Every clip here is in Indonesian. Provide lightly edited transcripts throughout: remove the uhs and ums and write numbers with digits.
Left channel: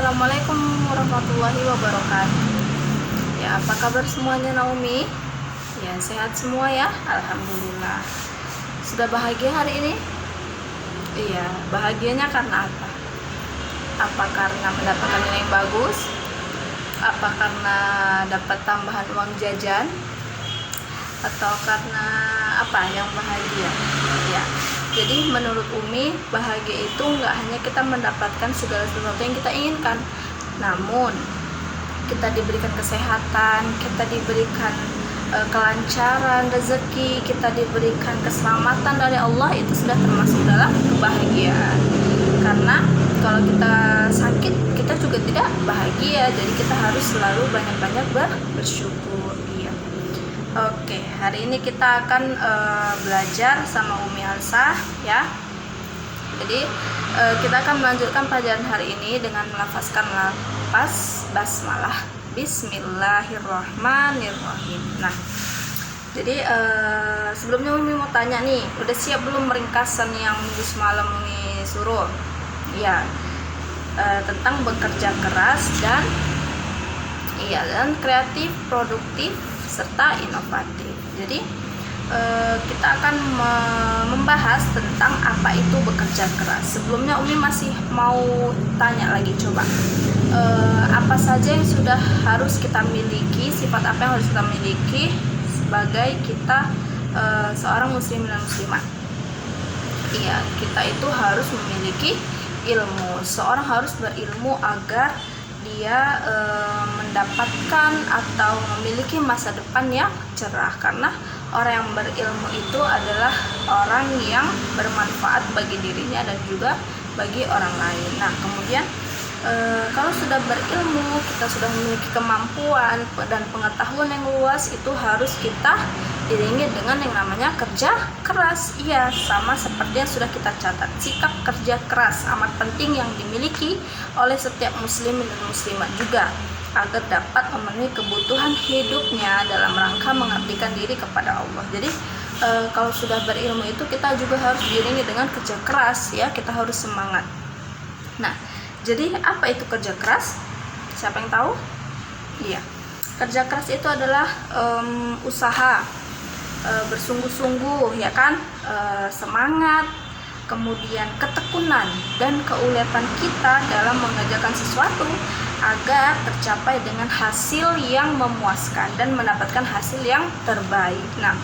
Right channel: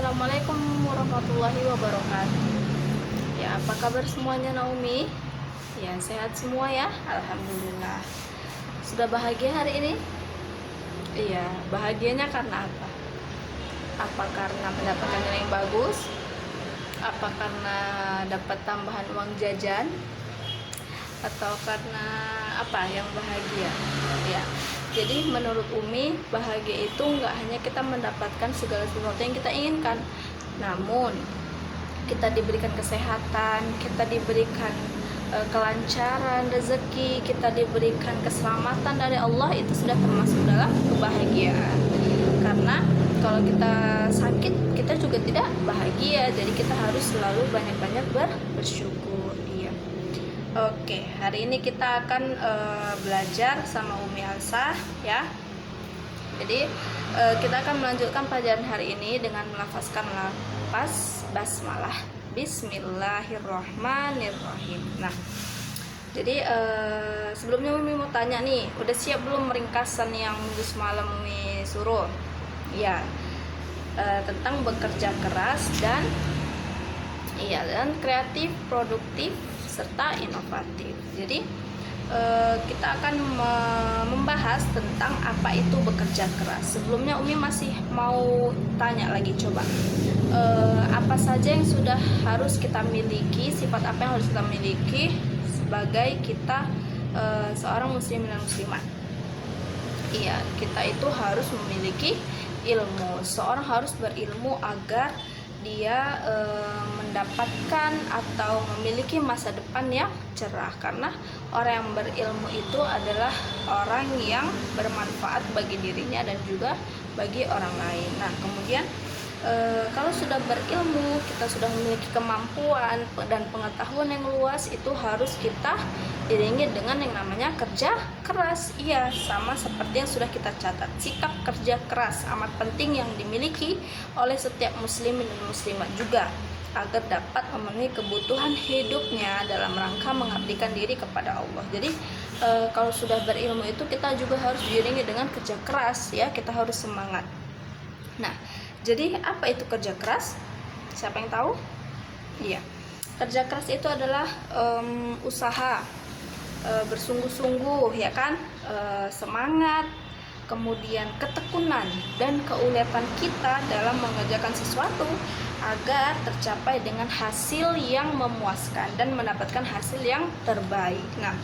Assalamualaikum warahmatullahi wabarakatuh. Ya, apa kabar semuanya Naomi? Ya, sehat semua ya? Alhamdulillah. Sudah bahagia hari ini? Iya, bahagianya karena apa? Apa karena mendapatkan nilai yang bagus? Apa karena dapat tambahan uang jajan? Atau karena apa yang bahagia? Ya, jadi menurut Umi, bahagia itu nggak hanya kita mendapatkan segala sesuatu yang kita inginkan, namun kita diberikan kesehatan, kita diberikan kelancaran rezeki, kita diberikan keselamatan dari Allah, itu sudah termasuk dalam kebahagiaan. Karena kalau kita sakit, kita juga tidak bahagia, jadi kita harus selalu banyak-banyak bersyukur. Ya. Oke, hari ini kita akan belajar sama Umi Alsa ya. Jadi kita akan melanjutkan pelajaran hari ini dengan melafazkan lafaz basmalah. Bismillahirrahmanirrahim. Nah, jadi sebelumnya Umi mau tanya nih, udah siap belum ringkasan yang minggu semalam Umi suruh? Ya, tentang bekerja keras dan kreatif, produktif serta inovatif. Jadi kita akan membahas tentang apa itu bekerja keras. Sebelumnya Umi masih mau tanya lagi, coba apa saja yang sudah harus kita miliki, sifat apa yang harus kita miliki sebagai kita seorang muslim dan muslimat. Iya, kita itu harus memiliki ilmu. Seorang harus berilmu agar dia mendapatkan atau memiliki masa depan yang cerah, karena orang yang berilmu itu adalah orang yang bermanfaat bagi dirinya dan juga bagi orang lain. Nah, kemudian kalau sudah berilmu, kita sudah memiliki kemampuan dan pengetahuan yang luas, itu harus kita iringi dengan yang namanya kerja keras. Iya, sama seperti yang sudah kita catat, sikap kerja keras amat penting yang dimiliki oleh setiap muslim dan muslimat juga, agar dapat memenuhi kebutuhan hidupnya dalam rangka mengabdikan diri kepada Allah. Jadi kalau sudah berilmu itu kita juga harus diiringi dengan kerja keras ya, kita harus semangat. Nah, jadi apa itu kerja keras? Siapa yang tahu? Iya, kerja keras itu adalah usaha, bersungguh-sungguh ya kan, semangat, kemudian ketekunan dan keuletan kita dalam mengerjakan sesuatu agar tercapai dengan hasil yang memuaskan dan mendapatkan hasil yang terbaik. Nah,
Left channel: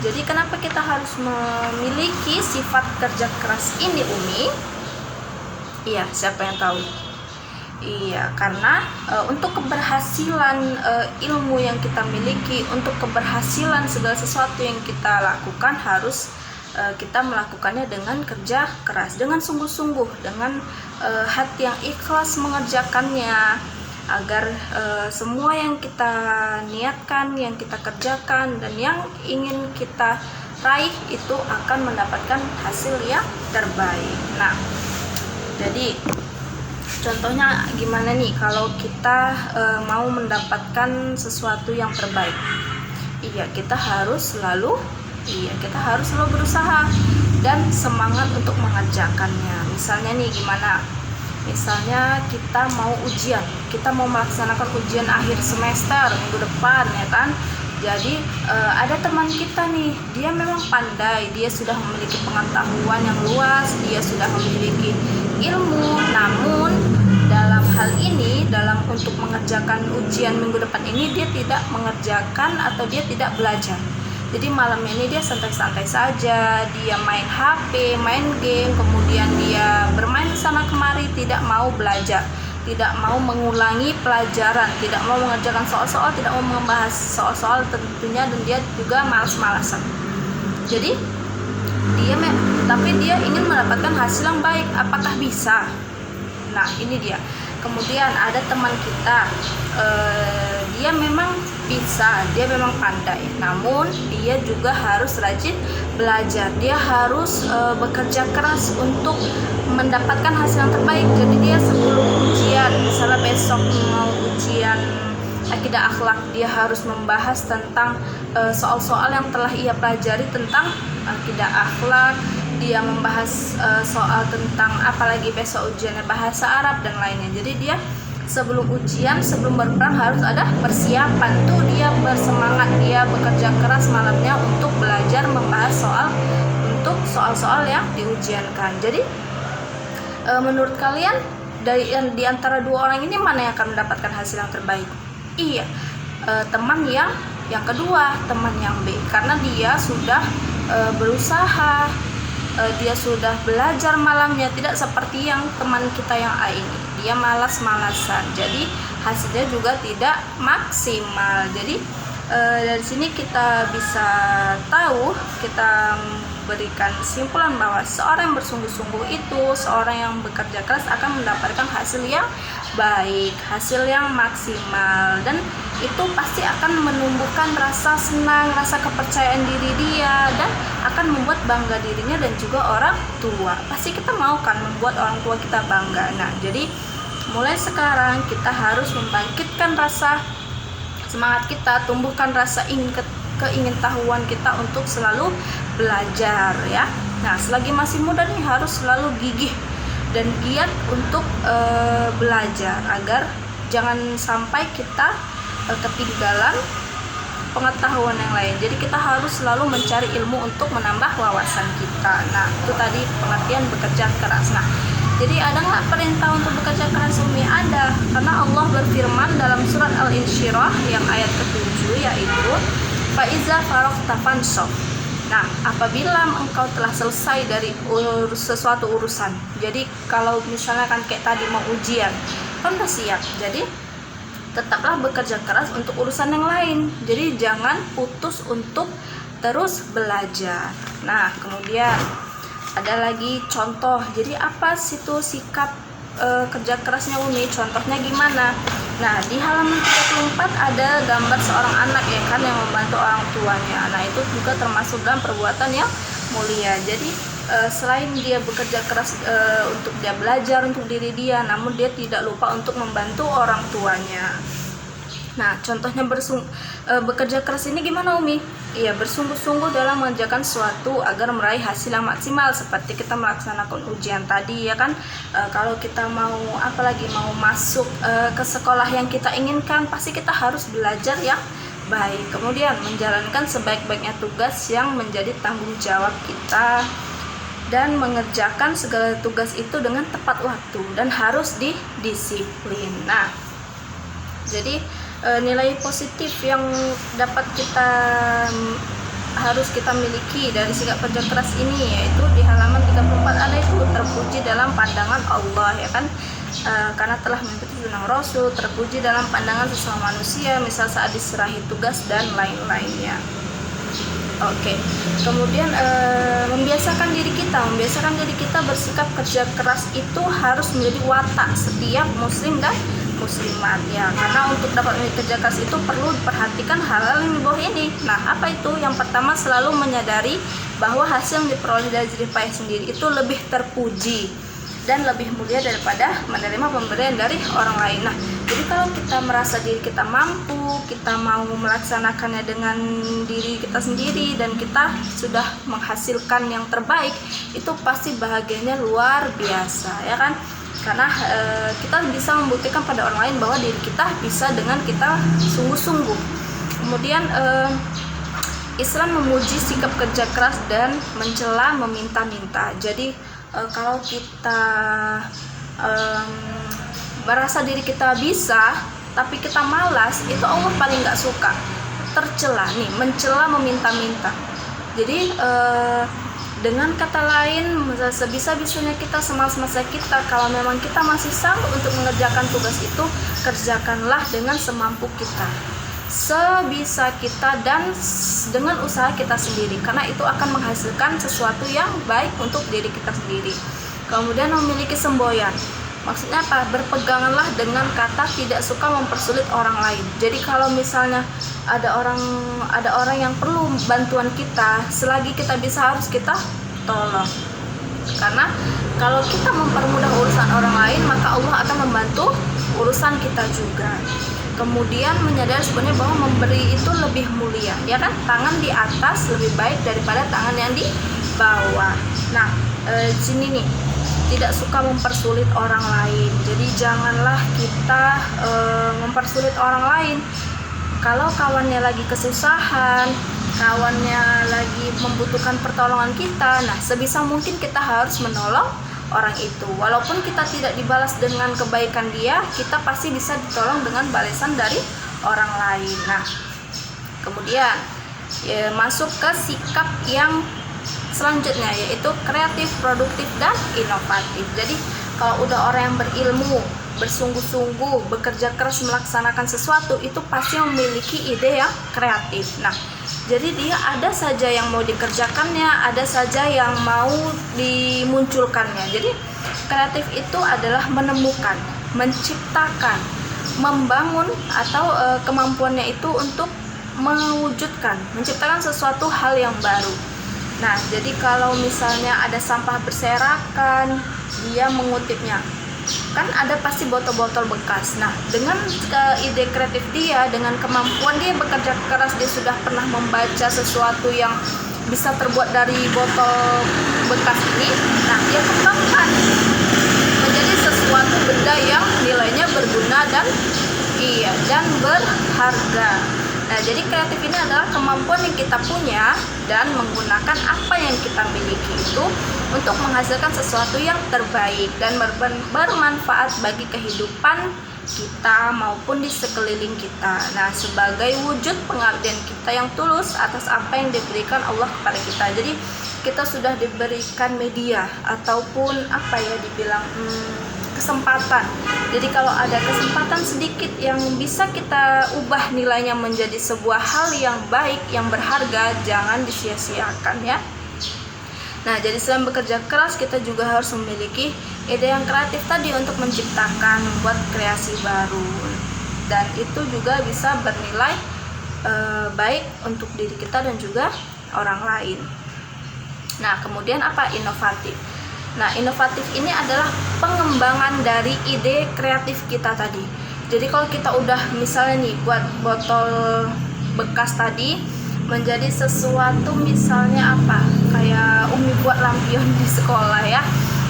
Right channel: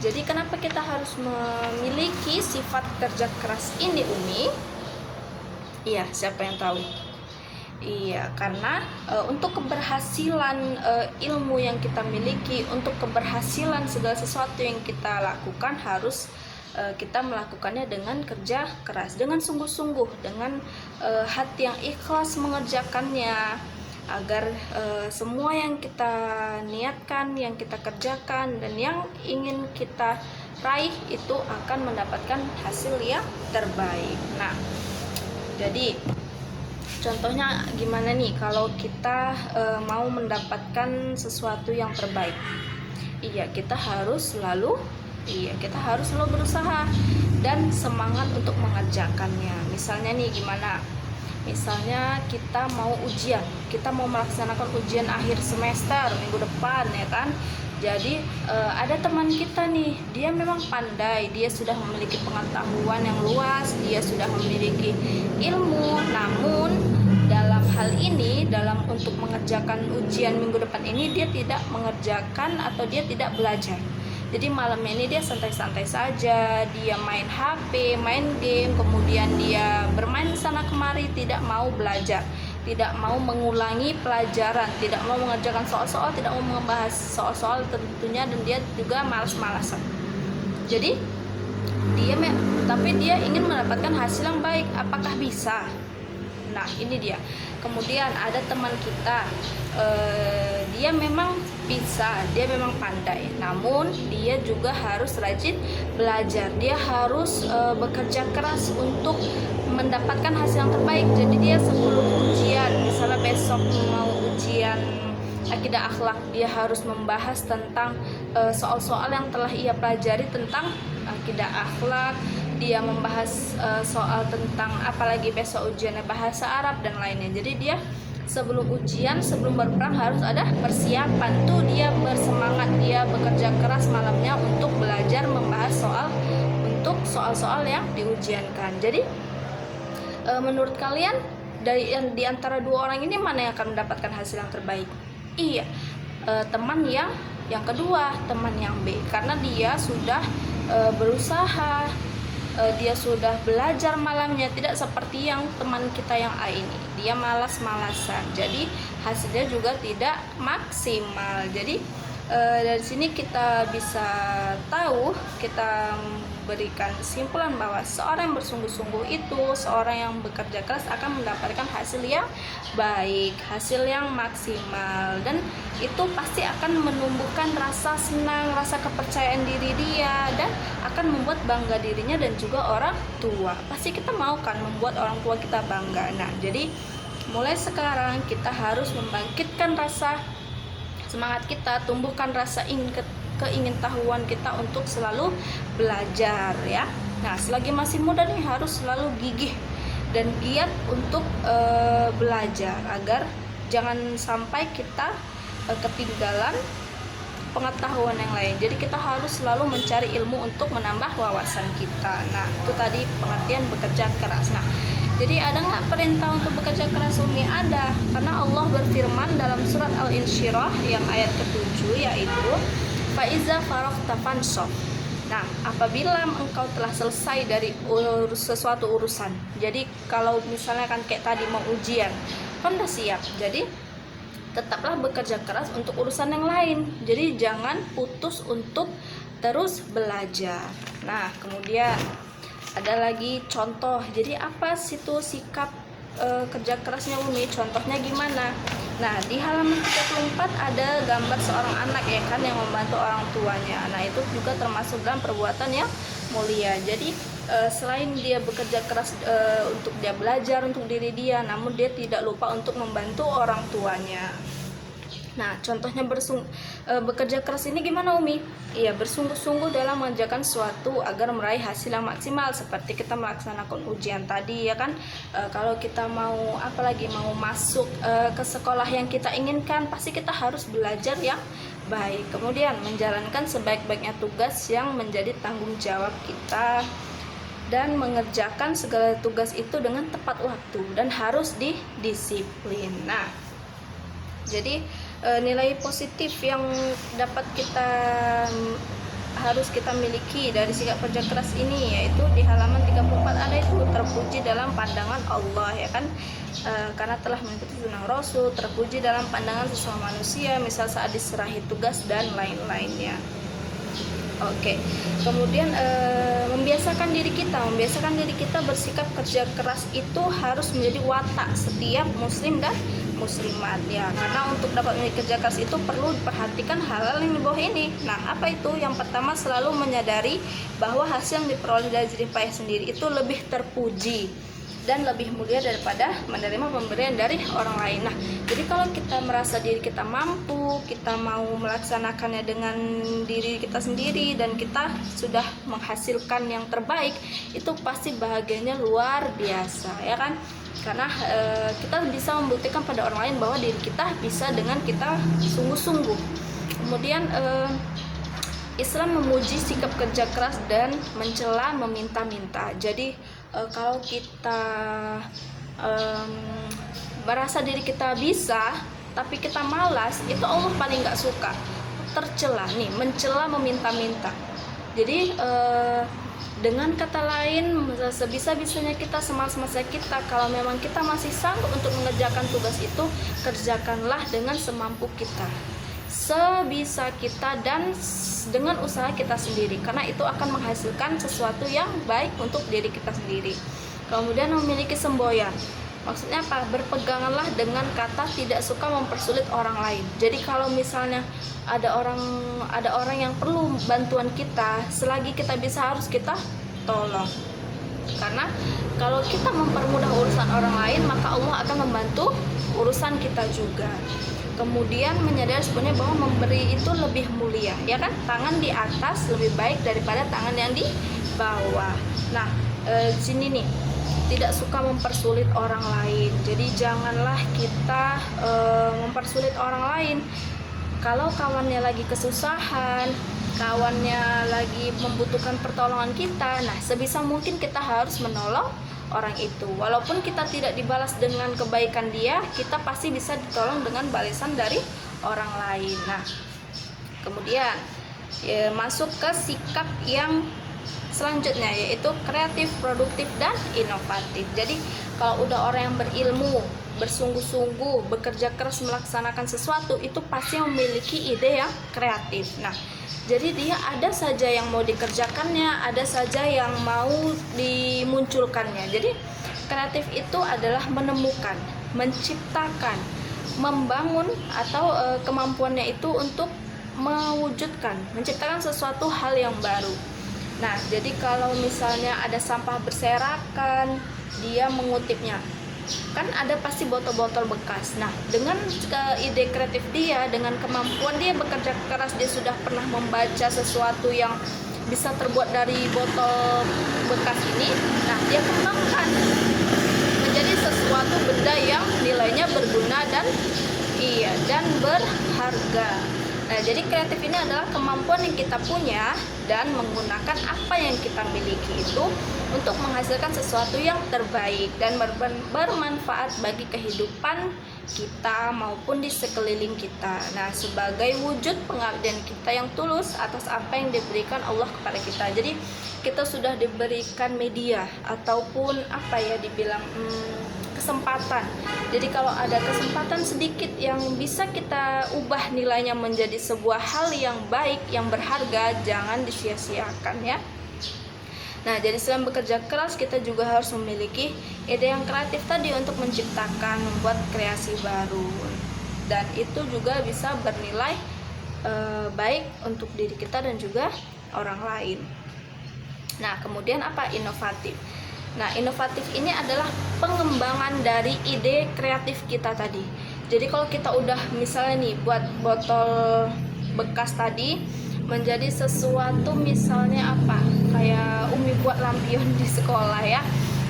jadi kenapa kita harus memiliki sifat kerja keras ini, Umi? Iya, siapa yang tahu? Iya, karena untuk keberhasilan ilmu yang kita miliki, untuk keberhasilan segala sesuatu yang kita lakukan, harus kita melakukannya dengan kerja keras, dengan sungguh-sungguh, dengan hati yang ikhlas mengerjakannya, agar semua yang kita niatkan, yang kita kerjakan, dan yang ingin kita raih itu akan mendapatkan hasil yang terbaik. Nah, jadi contohnya gimana nih kalau kita mau mendapatkan sesuatu yang terbaik? Iya, kita harus selalu berusaha dan semangat untuk mengerjakannya. Misalnya nih gimana? Misalnya kita mau ujian, kita mau melaksanakan ujian akhir semester minggu depan ya kan. Jadi ada teman kita nih, dia memang pandai, dia sudah memiliki pengetahuan yang luas, dia sudah memiliki ilmu, namun dalam hal ini, dalam untuk mengerjakan ujian minggu depan ini, dia tidak mengerjakan atau dia tidak belajar. Jadi malam ini dia santai-santai saja, dia main HP, main game, kemudian dia bermain sana kemari, tidak mau belajar, tidak mau mengulangi pelajaran, tidak mau mengerjakan soal-soal, tidak mau membahas soal-soal tentunya, dan dia juga malas-malasan. Jadi dia ingin mendapatkan hasil yang baik. Apakah bisa? Nah, ini dia. Kemudian ada teman kita, dia memang bisa, dia memang pandai, namun dia juga harus rajin belajar, dia harus bekerja keras untuk mendapatkan hasil yang terbaik. Jadi dia sebelum ujian, misalnya besok mau ujian akidah akhlak, dia harus membahas tentang soal-soal yang telah ia pelajari tentang akidah akhlak, dia membahas soal tentang apalagi besok ujiannya bahasa Arab dan lainnya. Jadi dia sebelum ujian, sebelum berperang harus ada persiapan. Tuh dia bersemangat, dia bekerja keras malamnya untuk belajar membahas soal-soal yang diujiankan. Jadi menurut kalian di antara dua orang ini mana yang akan mendapatkan hasil yang terbaik? Iya, teman yang kedua, teman yang B, karena dia sudah berusaha, dia sudah belajar malamnya, tidak seperti yang teman kita yang A ini. Dia malas-malasan, jadi hasilnya juga tidak maksimal. Jadi dari sini kita bisa tahu, kita berikan kesimpulan bahwa seorang yang bersungguh-sungguh itu, seorang yang bekerja keras akan mendapatkan hasil yang baik, hasil yang maksimal, dan itu pasti akan menumbuhkan rasa senang, rasa kepercayaan diri dia, dan akan membuat bangga dirinya dan juga orang tua. Pasti kita mau kan membuat orang tua kita bangga. Nah, jadi mulai sekarang kita harus membangkitkan rasa semangat kita, tumbuhkan rasa keingintahuan kita untuk selalu belajar ya. Nah, selagi masih muda nih harus selalu gigih dan giat untuk belajar agar jangan sampai kita ketinggalan pengetahuan yang lain. Jadi kita harus selalu mencari ilmu untuk menambah wawasan kita. Nah, itu tadi pengertian bekerja keras. Nah, jadi ada nggak perintah untuk bekerja keras, Umi? Ada, karena Allah berfirman dalam surat Al-Insyirah yang ayat ke-7, yaitu Faiza faragta fansab. Nah, apabila engkau telah selesai dari sesuatu urusan, jadi kalau misalnya kan kayak tadi mau ujian, kan udah siap, jadi tetaplah bekerja keras untuk urusan yang lain. Jadi jangan putus untuk terus belajar. Nah, kemudian ada lagi contoh. Jadi apa situ sikap kerja kerasnya Umi? Contohnya gimana? Nah, di halaman 34 ada gambar seorang anak ya kan yang membantu orang tuanya. Nah, itu juga termasuk dalam perbuatan yang mulia. Jadi selain dia bekerja keras untuk dia belajar untuk diri dia, namun dia tidak lupa untuk membantu orang tuanya. Nah, contohnya bekerja keras ini gimana Umi? Iya, bersungguh-sungguh dalam mengerjakan sesuatu agar meraih hasil yang maksimal, seperti kita melaksanakan ujian tadi ya kan. Kalau kita mau apalagi mau masuk ke sekolah yang kita inginkan, pasti kita harus belajar yang baik, kemudian menjalankan sebaik-baiknya tugas yang menjadi tanggung jawab kita, dan mengerjakan segala tugas itu dengan tepat waktu dan harus didisiplin. Nah, jadi nilai positif yang dapat harus kita miliki dari sikap kerja keras ini, yaitu di halaman 34 ada itu terpuji dalam pandangan Allah ya kan, karena telah mengikuti sunnah Rasul, terpuji dalam pandangan sesama manusia, misal saat diserahi tugas dan lain-lainnya. Oke. Kemudian membiasakan diri kita bersikap kerja keras itu harus menjadi watak setiap muslim dan muslimat ya, karena untuk dapat kerja keras itu perlu diperhatikan hal-hal yang di bawah ini. Nah, apa itu? Yang pertama, selalu menyadari bahwa hasil yang diperoleh dari jerih payah sendiri itu lebih terpuji dan lebih mulia daripada menerima pemberian dari orang lain. Nah, jadi kalau kita merasa diri kita mampu, kita mau melaksanakannya dengan diri kita sendiri dan kita sudah menghasilkan yang terbaik, itu pasti bahagianya luar biasa ya kan. Karena kita bisa membuktikan pada orang lain bahwa diri kita bisa dengan kita sungguh-sungguh. Kemudian Islam memuji sikap kerja keras dan mencela meminta-minta. Jadi kalau kita merasa diri kita bisa tapi kita malas, itu Allah paling nggak suka. Tercela nih, mencela meminta-minta. Jadi dengan kata lain, sebisa-bisanya kita, semalas-malasnya kita, kalau memang kita masih sanggup untuk mengerjakan tugas itu, kerjakanlah dengan semampu kita, sebisa kita, dan dengan usaha kita sendiri, karena itu akan menghasilkan sesuatu yang baik untuk diri kita sendiri. Kemudian memiliki semboyan, maksudnya apa? Berpeganganlah dengan kata tidak suka mempersulit orang lain. Jadi kalau misalnya ada orang yang perlu bantuan kita, selagi kita bisa harus kita tolong, karena kalau kita mempermudah urusan orang lain, maka Allah akan membantu urusan kita juga. Kemudian menyadari sebenarnya bahwa memberi itu lebih mulia ya kan, tangan di atas lebih baik daripada tangan yang di bawah. Nah, di sini nih, tidak suka mempersulit orang lain. Jadi janganlah kita mempersulit orang lain. Kalau kawannya lagi kesusahan, kawannya lagi membutuhkan pertolongan kita, nah sebisa mungkin kita harus menolong orang itu. Walaupun kita tidak dibalas dengan kebaikan dia, kita pasti bisa ditolong dengan balasan dari orang lain. Nah, kemudian masuk ke sikap yang selanjutnya, yaitu kreatif, produktif, dan inovatif. Jadi kalau udah orang yang berilmu, bersungguh-sungguh, bekerja keras melaksanakan sesuatu, itu pasti memiliki ide yang kreatif. Nah, jadi dia ada saja yang mau dikerjakannya, ada saja yang mau dimunculkannya. Jadi kreatif itu adalah menemukan, menciptakan, membangun, atau kemampuannya itu untuk mewujudkan, menciptakan sesuatu hal yang baru. Nah, jadi kalau misalnya ada sampah berserakan, dia mengutipnya. Kan ada pasti botol-botol bekas. Nah, dengan ide kreatif dia, dengan kemampuan dia bekerja keras, dia sudah pernah membaca sesuatu yang bisa terbuat dari botol bekas ini. Nah, dia kembangkan menjadi sesuatu benda yang nilainya berguna dan berharga. Nah, jadi kreatif ini adalah kemampuan yang kita punya dan menggunakan apa yang kita miliki itu untuk menghasilkan sesuatu yang terbaik dan bermanfaat bagi kehidupan kita maupun di sekeliling kita. Nah, sebagai wujud pengabdian kita yang tulus atas apa yang diberikan Allah kepada kita. Jadi kita sudah diberikan media ataupun dibilang kesempatan. Jadi kalau ada kesempatan sedikit yang bisa kita ubah nilainya menjadi sebuah hal yang baik, yang berharga, jangan disia-siakan ya. Nah, jadi selain bekerja keras, kita juga harus memiliki ide yang kreatif tadi untuk menciptakan, membuat kreasi baru. Dan itu juga bisa bernilai baik untuk diri kita dan juga orang lain. Nah, kemudian inovatif. Nah, inovatif ini adalah pengembangan dari ide kreatif kita tadi. Jadi kalau kita udah misalnya nih buat botol bekas tadi menjadi sesuatu, misalnya kayak Umi buat lampion di sekolah ya.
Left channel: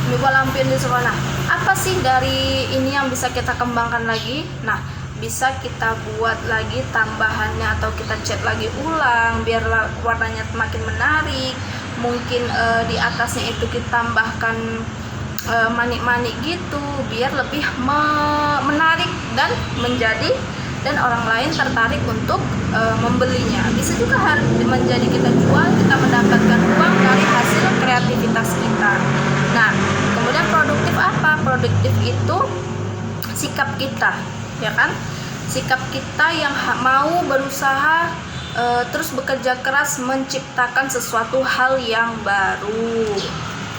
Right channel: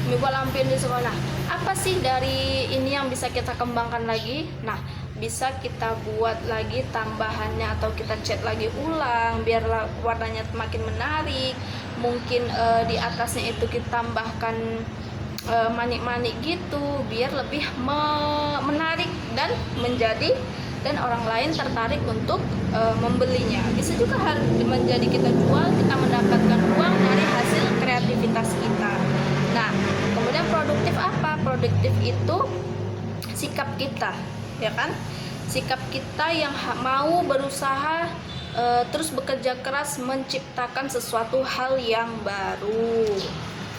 Umi buat lampion di sekolah. Nah, apa sih dari ini yang bisa kita kembangkan lagi? Nah, bisa kita buat lagi tambahannya atau kita cat lagi ulang biar warnanya makin menarik. Mungkin di atasnya itu kita tambahkan manik-manik gitu biar lebih menarik dan orang lain tertarik untuk membelinya. Bisa juga menjadi kita jual, kita mendapatkan uang dari hasil kreativitas kita. Nah, kemudian produktif apa? Produktif itu sikap kita, ya kan? Sikap kita yang mau berusaha terus bekerja keras menciptakan sesuatu hal yang baru.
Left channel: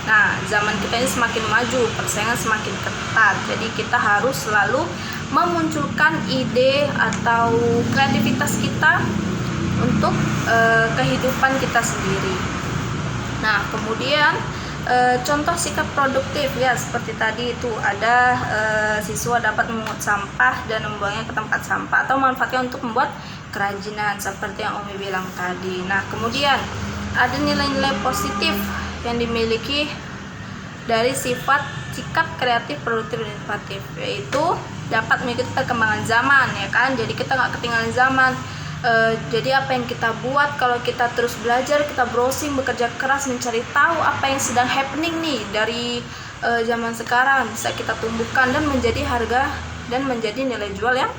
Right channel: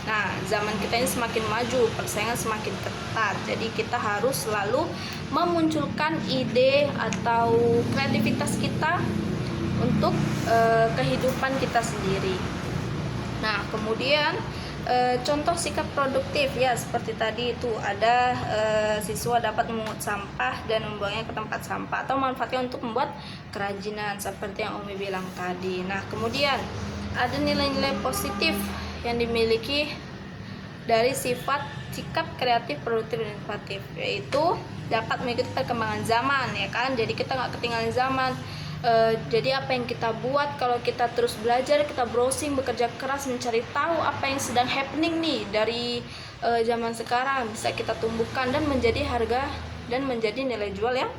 Nah, zaman kita ini semakin maju, persaingan semakin ketat. Jadi kita harus selalu memunculkan ide atau kreativitas kita untuk kehidupan kita sendiri. Nah, kemudian contoh sikap produktif ya, seperti tadi itu ada siswa dapat memungut sampah dan membuangnya ke tempat sampah atau manfaatnya untuk membuat kerajinan seperti yang Umi bilang tadi. Nah, kemudian ada nilai-nilai positif yang dimiliki dari sikap kreatif, produktif, dan inovatif, yaitu dapat mengikuti perkembangan zaman, ya kan? Jadi kita nggak ketinggalan zaman. Jadi apa yang kita buat, kalau kita terus belajar, kita browsing, bekerja keras, mencari tahu apa yang sedang happening nih dari zaman sekarang, bisa kita tumbuhkan dan menjadi harga dan menjadi nilai jual yang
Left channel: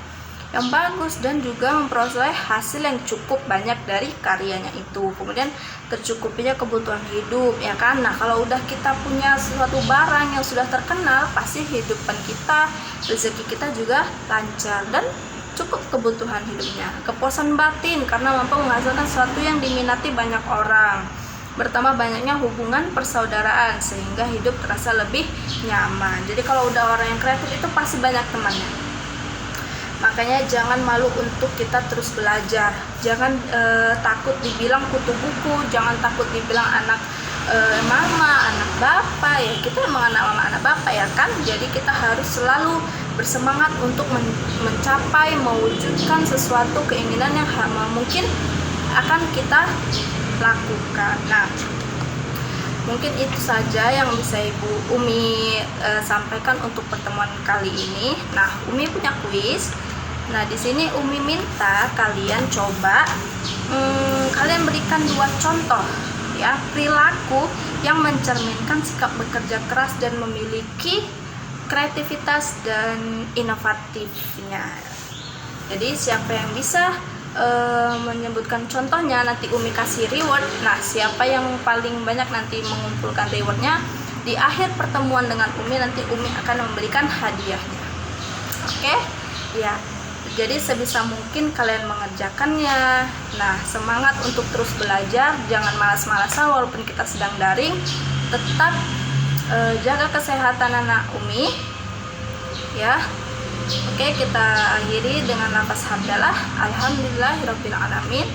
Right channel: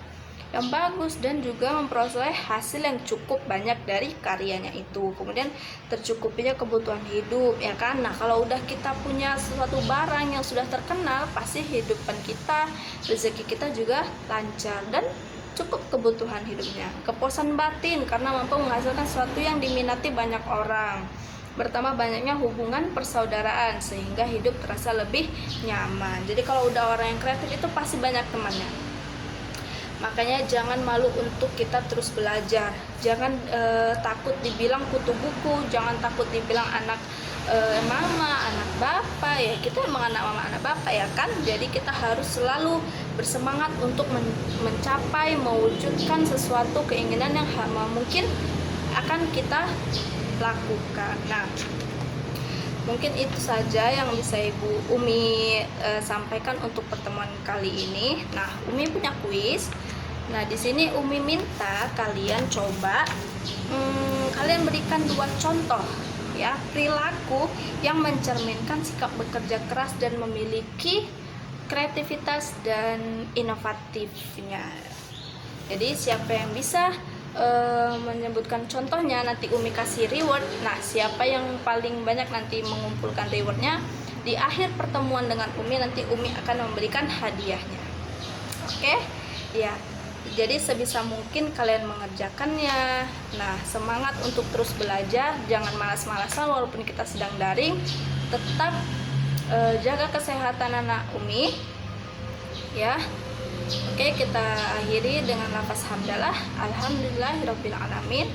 bagus, dan juga memperoleh hasil yang cukup banyak dari karyanya itu. Kemudian tercukupinya kebutuhan hidup, ya kan? Nah, kalau udah kita punya suatu barang yang sudah terkenal, pasti hidupan kita, rezeki kita juga lancar dan cukup kebutuhan hidupnya. Kepuasan batin karena mampu menghasilkan sesuatu yang diminati banyak orang. Bertambah banyaknya hubungan persaudaraan sehingga hidup terasa lebih nyaman. Jadi kalau udah orang yang kreatif itu pasti banyak temannya. Makanya jangan malu untuk kita terus belajar. Jangan takut dibilang kutu buku, jangan takut dibilang anak mama, anak bapak ya. Kita emang anak mama, anak bapak ya kan. Jadi kita harus selalu bersemangat untuk mencapai, mewujudkan sesuatu keinginan yang mungkin akan kita lakukan. Nah, mungkin itu saja yang bisa Ibu Umi sampaikan untuk pertemuan kali ini. Nah, Umi punya kuis. Nah, di sini Umi minta kalian coba kalian berikan 2 contoh ya perilaku yang mencerminkan sikap bekerja keras dan memiliki kreativitas dan inovatifnya. Jadi siapa yang bisa menyebutkan contohnya, nanti Umi kasih reward. Nah, siapa yang paling banyak nanti mengumpulkan rewardnya, di akhir pertemuan dengan Umi nanti Umi akan memberikan hadiahnya. Oke? Ya. Jadi sebisa mungkin kalian mengerjakannya. Nah, semangat untuk terus belajar, jangan malas-malasan walaupun kita sedang daring. Tetap jaga kesehatan anak Umi. Ya. Oke, kita akhiri dengan lafaz hamdalah. Alhamdulillahirabbil alamin.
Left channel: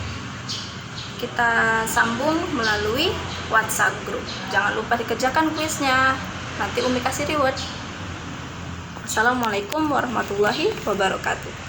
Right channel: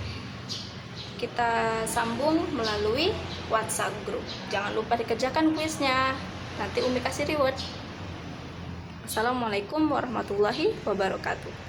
Kita sambung melalui WhatsApp group. Jangan lupa dikerjakan kuisnya. Nanti Umi kasih reward. Assalamualaikum warahmatullahi wabarakatuh.